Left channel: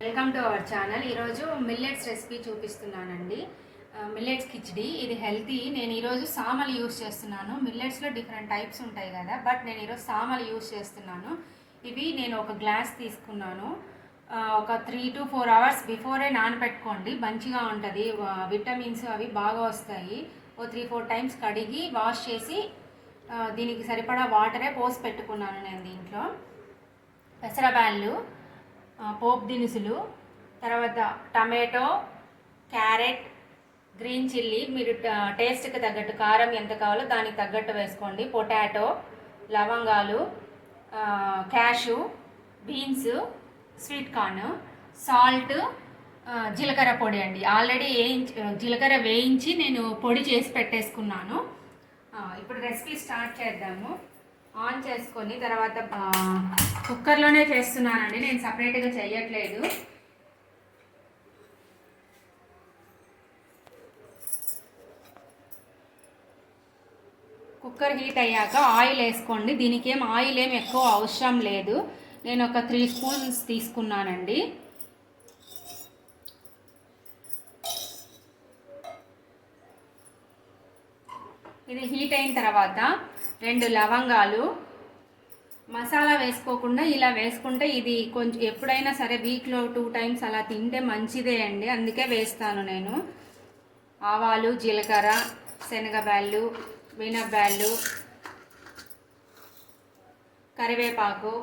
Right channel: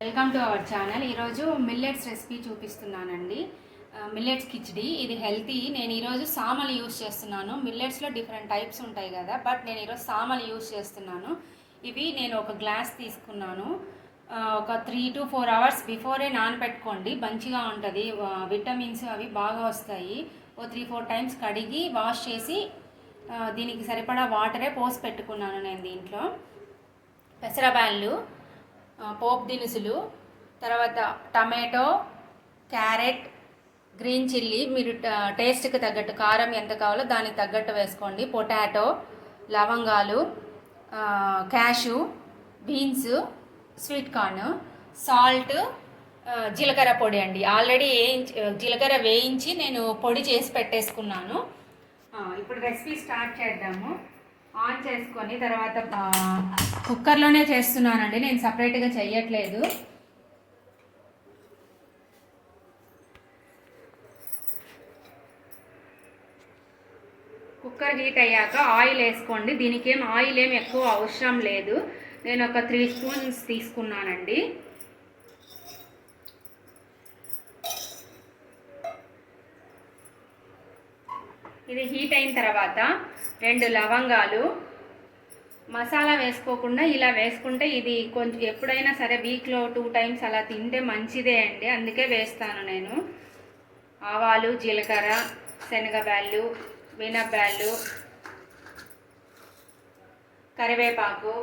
Welcome to our channel. ఈరోజు millets recipe చూపిస్తున్నానండి. Millets khichdi. ఇది హెల్తీ. నేను ఈరోజు సామలు యూస్ చేస్తున్నాను. మిల్లెట్స్లో డిఫరెంట్ టైప్స్ ఉంటాయి కదా, బట్ నేను ఈరోజు సామలు యూస్ చేస్తున్నాను. ఇవి నేను ఒక గ్లాస్ తీసుకున్నాను. ఒక 3 to 4 hours బిఫోరే నానబెట్టుకోండి, మంచిగా ఉంటుంది. విటమిన్స్ అవి బాగా వస్తాయి. ఓ 3-4 టైమ్స్ కడిగి వాష్ చేసి దీనికి సరిపడా వాటరే పోసి పెట్టుకున్నాను నేను. దీంట్లో పెసరబ్యాళ్ళు, పోపు దినుసులు, తర్వాత టమాటో, క్యారెట్, గ్రీన్ చిల్లీ, మీరు టేస్ట్కి తగ్గట్టు కారం ఎంత కావాలో దానికి తగ్గట్టు వేసుకోండి. పొటాటో, లవంగాలు, cash, beans, sweet corn, salt, జీలకర్ర పొడి అండి. ఆల్రెడీ జీలకర్ర వేయించి నేను పొడి చేసి పెట్టేసుకున్నాను. ఇప్పుడు రెసిపీ స్టార్ట్ చేద్దాము. ఆన్ చేసుకొని తర్వాత కుక్కర్లోనే చేస్తున్నానండి, నేను సపరేట్గా చేయట్లేదు. కుక్కర్ హీట్ అయ్యాక ఆయిల్ వేసుకోండి. దీనికి ఆయిల్ ఏం ఎక్కువ అవసరం లేదు. నేను ఒక 3 స్పూన్స్ తీసుకున్నానండి. ఇది హీట్ అయిన తర్వాత 2 లవంగాలు, మసాలా వేసుకోకుండా ఇలా వేసుకుంటే ఇది కొంచెం ఎప్పుడైనా సరే వీక్లో 2 times అలా తింటే మంచిదే అండి, అందుకే వేస్తాను నేను. ఆవాలు, జీలకర్ర, శనగబ్యాళ్ళు, మినప్బ్యాళ్ళు, కరివేపాకు,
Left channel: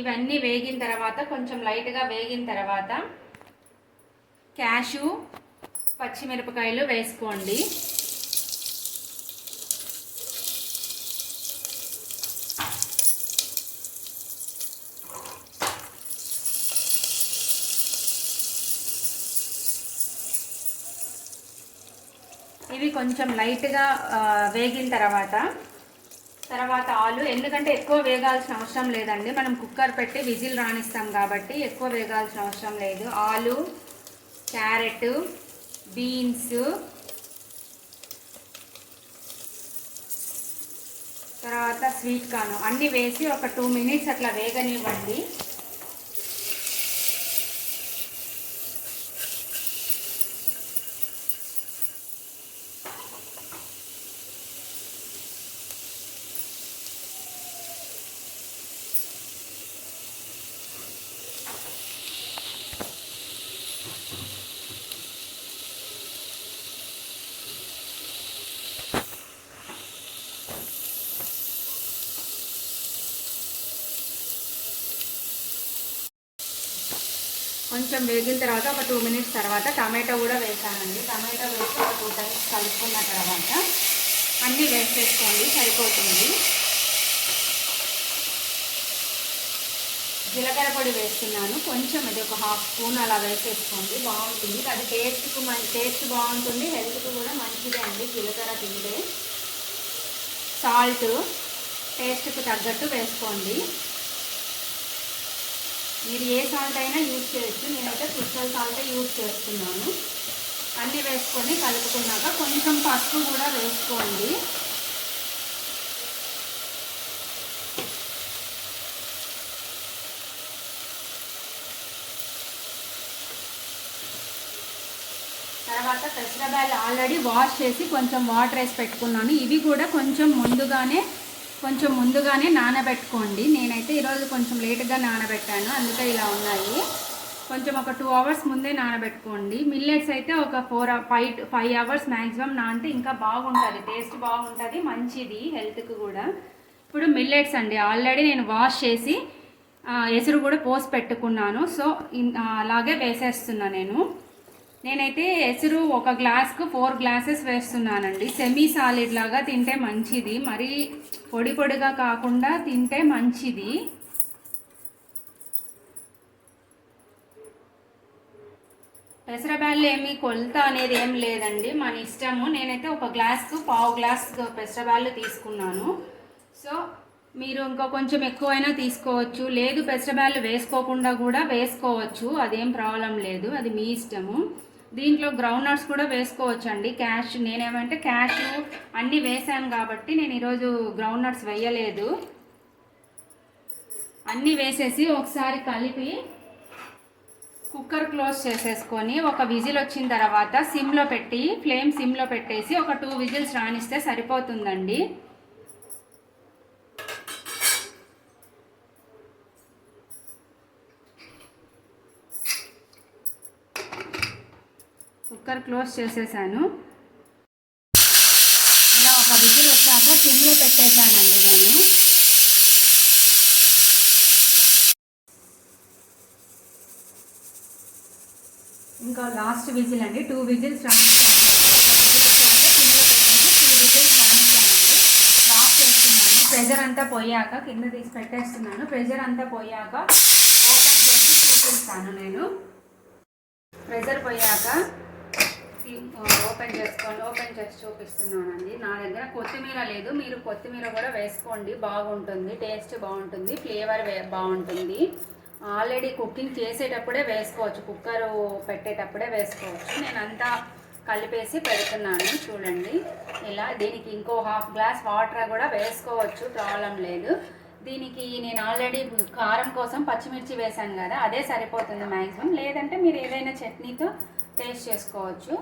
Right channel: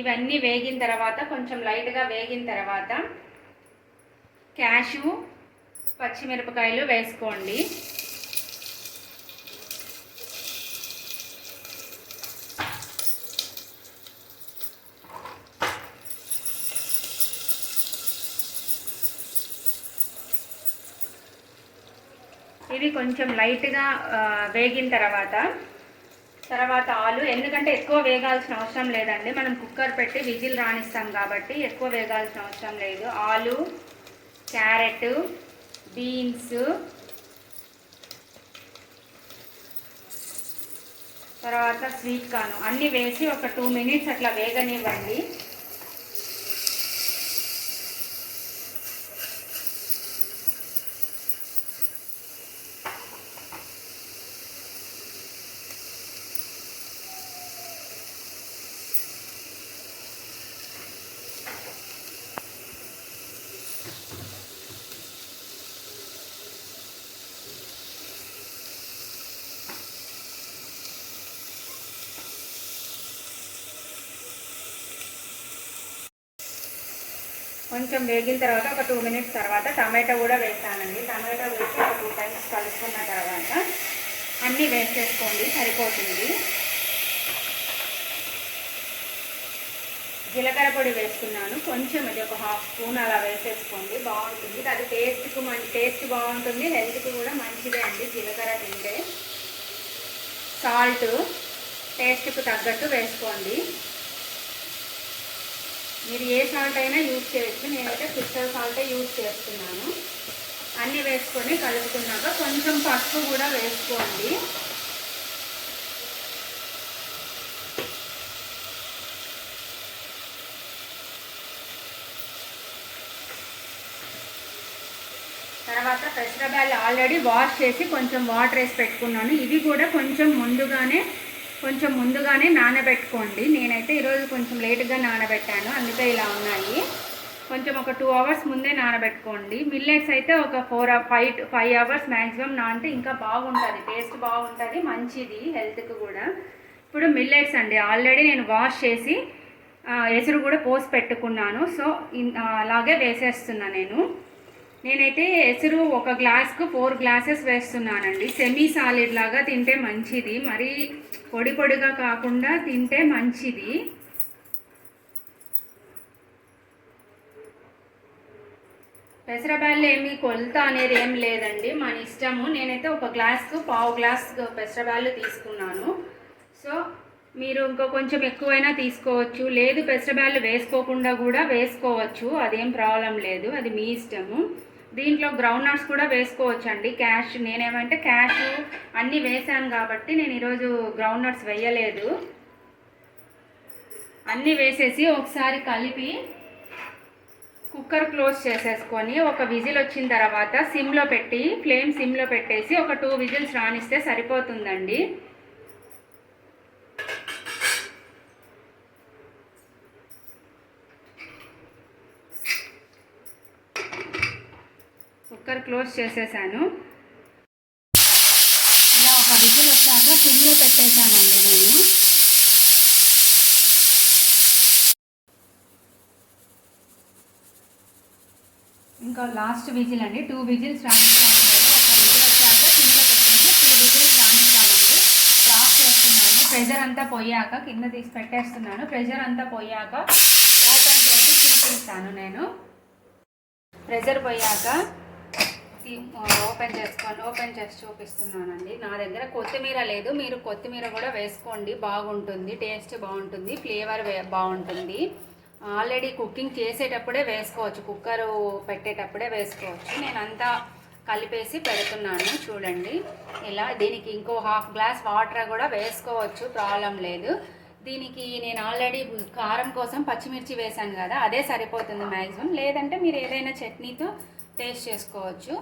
ఇవన్నీ వేగిన తర్వాత కొంచెం లైట్గా వేగిన తర్వాత క్యాషు, పచ్చిమిరపకాయలు వేసుకోండి. ఇవి కొంచెం లైట్గా వేగిన తర్వాత ఆలు, ఎందుకంటే ఎక్కువ వేగాల్సిన అవసరం లేదండి, మనం కుక్కర్ పెట్టి విజిల్ రానిస్తాం కాబట్టి ఎక్కువ వేగాల్సిన అవసరం లేదు. ఆలు, క్యారెట్, బీన్స్, తర్వాత స్వీట్ కార్న్ అన్నీ వేసి ఒక 2 minutes అట్లా వేగనివ్వండి. కొంచెం వేగిన తర్వాత ఒక 2 minutes తర్వాత టమాటో కూడా వేసానండి. టమాటో వేసి ఒక 2 times కలుపుకున్న తర్వాత అన్నీ వేసేసుకోండి, సరిపోతుంది. జీలకర్ర పొడి వేస్తున్నాను కొంచెం, అది ఒక 1/2 స్పూన్ అలా వేసేసుకోండి, బాగుంటుంది. అది టేస్ట్ బాగుంటుంది, హెల్త్కి కూడా మంచిదే అండి జీలకర్ర తింటే. సాల్ట్ టేస్ట్కి తగ్గట్టు వేసుకోండి. మీరు ఏ సాల్ట్ అయినా యూజ్ చేయొచ్చు, నేనైతే క్రిస్టల్ సాల్టే యూజ్ చేస్తున్నాను. అన్నీ వేసుకొని కలుపుకున్నాక కొంచెం పసుపు కూడా వేసుకోండి. తర్వాత పెసరబ్యాళ్ళు ఆల్రెడీ వాష్ చేసి కొంచెం వాటర్ వేసి పెట్టుకున్నాను. ఇవి కూడా కొంచెం ముందుగానే నానబెట్టుకోండి. నేనైతే ఈరోజు కొంచెం లేట్గా నానబెట్టాను, అందుకే ఇలా ఉన్నాయి. కొంచెం ఒక 2 hours ముందే నానబెట్టుకోండి. మిల్లెట్స్ అయితే ఒక 5 hours మ్యాక్సిమం నానితే ఇంకా బాగుంటుంది, టేస్ట్ బాగుంటుంది, మంచిది హెల్త్కి కూడా. ఇప్పుడు మిల్లెట్స్ అండి, ఆల్రెడీ నేను వాష్ చేసి ఎసురు కూడా పోసి పెట్టుకున్నాను. సో అలాగే వేసేస్తున్నా నేనైతే ఎసురు ఒక గ్లాస్కు 4 glasses వేస్తున్నానండి. సెమీ సాలిడ్ లాగా తింటే మంచిది, మరీ పొడిగా కాకుండా తింటే మంచిది. పెసరబ్యాళ్ళు ఏమి కొలత అనేది ఏం లేదండి, మన ఇష్టము. నేనైతే ఒక గ్లాస్కు 1/2 glass పెసరబ్యాళ్ళు తీసుకున్నాను. సో మీరు ఇంకా కొంచెం ఎక్కువైనా తీసుకోవచ్చు, లేదు పెసరబ్యాళ్ళు వేసుకోకుండా కూడా వేసుకోవచ్చు, అదేం ప్రాబ్లం లేదు, అది మీ ఇష్టము. దీంట్లో గ్రౌండ్ నట్స్ కూడా వేసుకోవచ్చు అండి. నేనేమంటే క్యాష్ అన్నీ వేసాను కాబట్టి నేను ఈరోజు గ్రౌండ్ నట్స్ వేయలేదు. అన్నీ వేసేసి ఒకసారి కలిపి కుక్కర్ క్లోజ్ చేసేసుకొని ఒక విజిల్ వచ్చిన తర్వాత ఫ్లేమ్ సిమ్లో పెట్టేసి ఒక 2 విజిల్స్ రానిస్తే సరిపోతుందండి. కుక్కర్ క్లోజ్ చేసేసాను. ఇలా ఒక విజిల్ వచ్చాక సిమ్లో పెట్టేశానండి నేను. ఇంకా లాస్ట్ విజిల్ అండి, 2 విజిల్స్ రానిస్తాను. ఒక విజిల్ వచ్చాక సిమ్లో పెట్టేసి 2 విజిల్స్ రానిస్తానండి. ఆఫ్ చేస్తున్నాను. ప్రెషర్ అంతా పోయాక కింద తీసి పెట్టేస్తున్నాను. ప్రెషర్ అంతా పోయాక ఓపెన్ చేసి చూపిస్తాను. నేను ప్రెషర్ పోయాక ఓపెన్ చేసి చూపిస్తున్నానండి. నా దగ్గర కొత్తిమీర లేదు, మీరు కొత్తిమీర కూడా వేసుకోండి, బాగుంటుంది, టేస్ట్ బాగుంటుంది, ఫ్లేవర్ బాగుంటుంది. ఆల్రెడీ కుకింగ్ చేసేటప్పుడే వేసుకోవచ్చు, కుక్కరు పెట్టేటప్పుడే వేసుకోవచ్చు. నేను అంతా కలిపేసి పెడుతున్నాను చూడండి. ఇలా దీనికి ఇంకో 1/2 గ్లాస్ వాటర్ కూడా వేసుకోవచ్చు, ప్రాబ్లం లేదు. దీనికి నేను ఆల్రెడీ కారం కోసం పచ్చిమిర్చి వేసాను కదా, అదే సరిపోతుంది మ్యాక్సిమం. లేదంటే మీరు ఏదైనా చట్నీతో టేస్ట్ చేసుకోవచ్చు.